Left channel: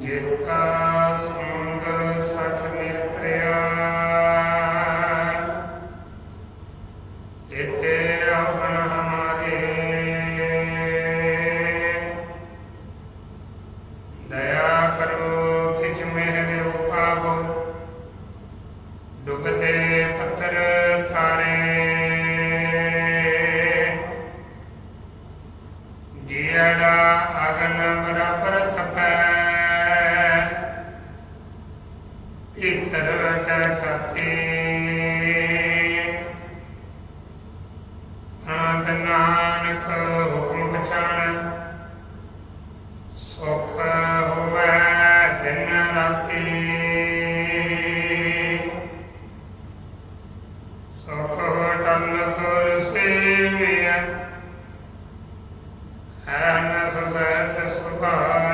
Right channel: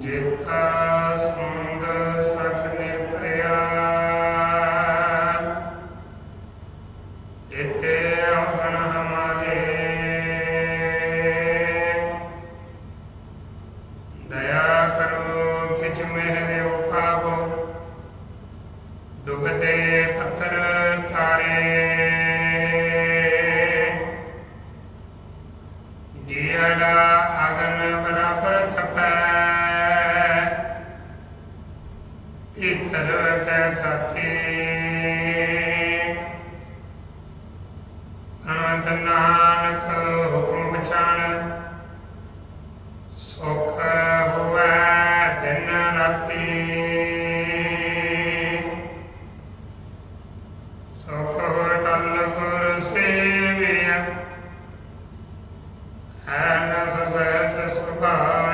ਜੇਤਾ ਸਮੁੰਦ ਸਖ ਨਿਰਪਰਿਆ ਇਤੇ ਅਵਗਣ ਹਮਾਰੇ। ਦਇਆ ਕਰੋ ਕਿਛ ਮਿਹਰ ਉਪਾਵੋ। ਡੁਬਤੇ ਪੱਥਰ ਤਾਰੇ। ਜੀੜਾ ਅਗਨ ਬਰਾਬਰ ਥਪੈ। ਇਤਰ ਕੈ ਅਨੰਤ ਨਾਨਕ ਹੁਕਮ ਪਛਾਣ ਸੁਖ ਹੋਵੇ ਦਿਨ ਰਾਤੀ ਸੁਖ ਟਲ ਕਰ ਸੇਵਿਆ ਹੈ ਨਸ ਸਹਿਜ ਸੁਭਾਏ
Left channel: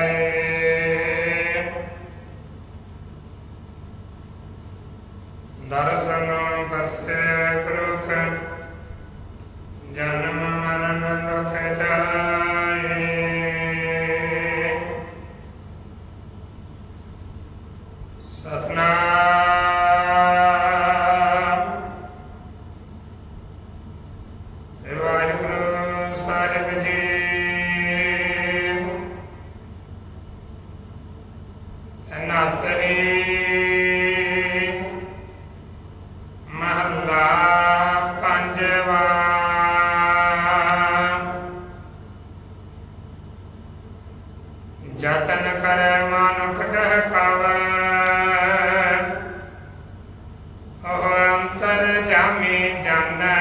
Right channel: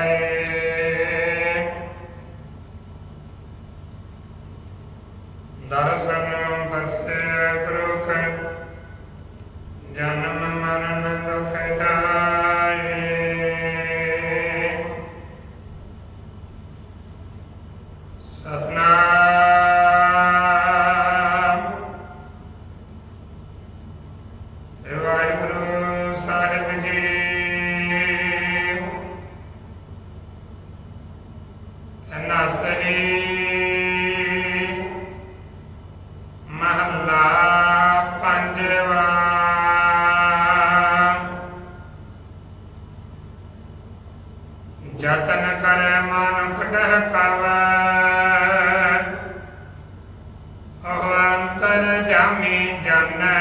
ਬਰਸੇ ਕਰੁਖ ਜਨਮ ਮਰਨ ਦੁਖ ਜਾਏ। ਸਤਨਾਮ। ਸ੍ਰੀ ਵਾਹਿਗੁਰੂ ਸਾਹਿਬ ਜੀ। ਅਨਾਸਰੀ ਮਹੱਲਾ ਪੰਜਵਾ। ਜਤਨ ਕਰੈ ਮਨੁਖ ਡਹਕਾਵੈ ਉਹ ਅੰਤਰ ਜਾਮੀ ਜਾਣੈ।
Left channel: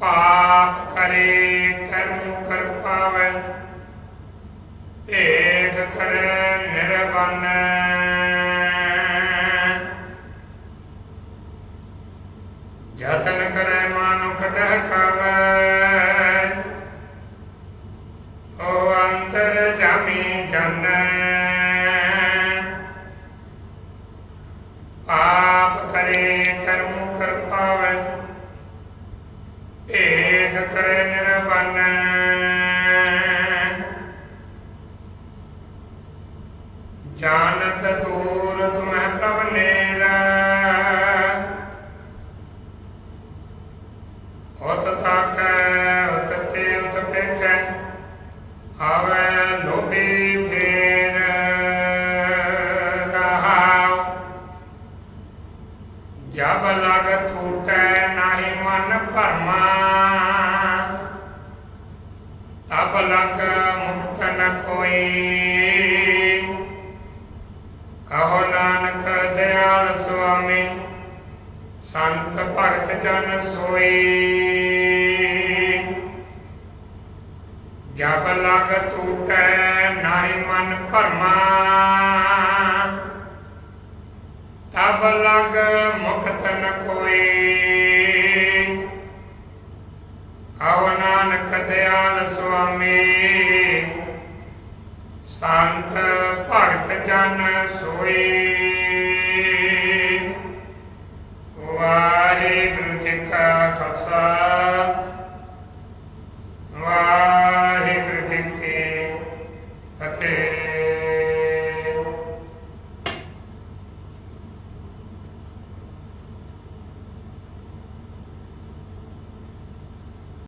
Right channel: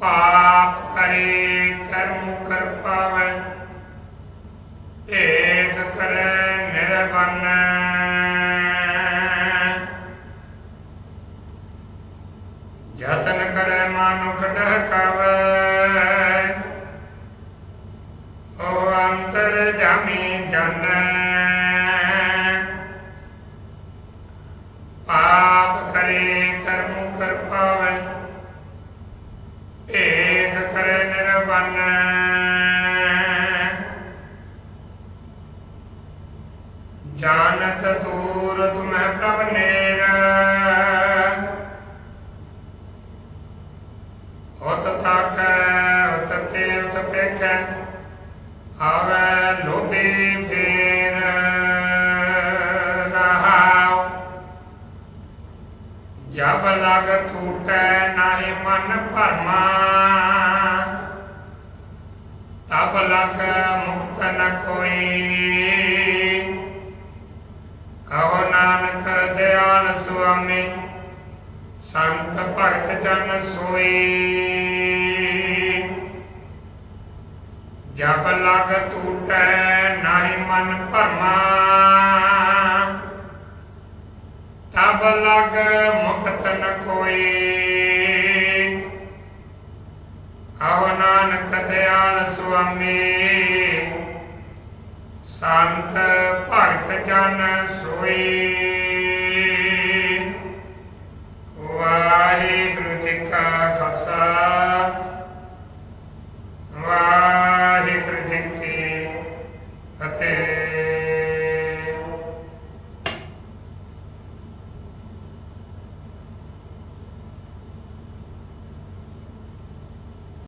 ਪਾਪ ਕਰੇ ਕਰਮ ਕਰ ਪਾਵੈ ਏਕ ਕਰੈ ਨਿਰਵਨ। ਮਾਨੁਖ ਡਹਕਾਵੈ ਓ ਅੰਤਰ ਜਾਮੀ ਜਾਣੈ। ਪਾਪ ਕਰੇ ਕਰਮ ਕਰ ਪਾਵੈ ਏਕ ਕਰੇ ਨਿਰਵਨ। ਜਾਣਤ ਦੂਰ ਤੁਮੈ ਪ੍ਰਭ ਨੇਰ ਉਤ ਪੇਖੈ ਲੋਭੀ ਫੇਰ ਰਹਾਉ। ਜਬ ਲਗ ਟੂਟੈ ਨਾਹੀ ਮਨ ਭਰਮਾ। ਤਬ ਲਗ ਮੁਕਤ ਨ ਕੋਈ। ਕਹੋ ਨਾਨਕ ਦਿਆਲ ਸੁਆਮੀ, ਸੰਤ ਭਗਤ ਜਨ ਸੋਈ। ਜਬ ਲਗ ਟੂਟੈ ਨਾਹੀ ਮਨ ਭਰਮਾ, ਤਬ ਲਗ ਮੁਕਤ ਨ ਕੋਈ। ਕਹੋ ਨਾਨਕ ਦਿਆਲ ਸੁਆਮੀ, ਸੰਤ ਭਗਤ ਜਨ ਸੋਈ। ਵਾਹਿਗੁਰੂ ਜੀ ਕਾ ਖਾਲਸਾ ਵਾਹਿਗੁਰੂ ਜੀ ਕੀ ਫਤਿਹ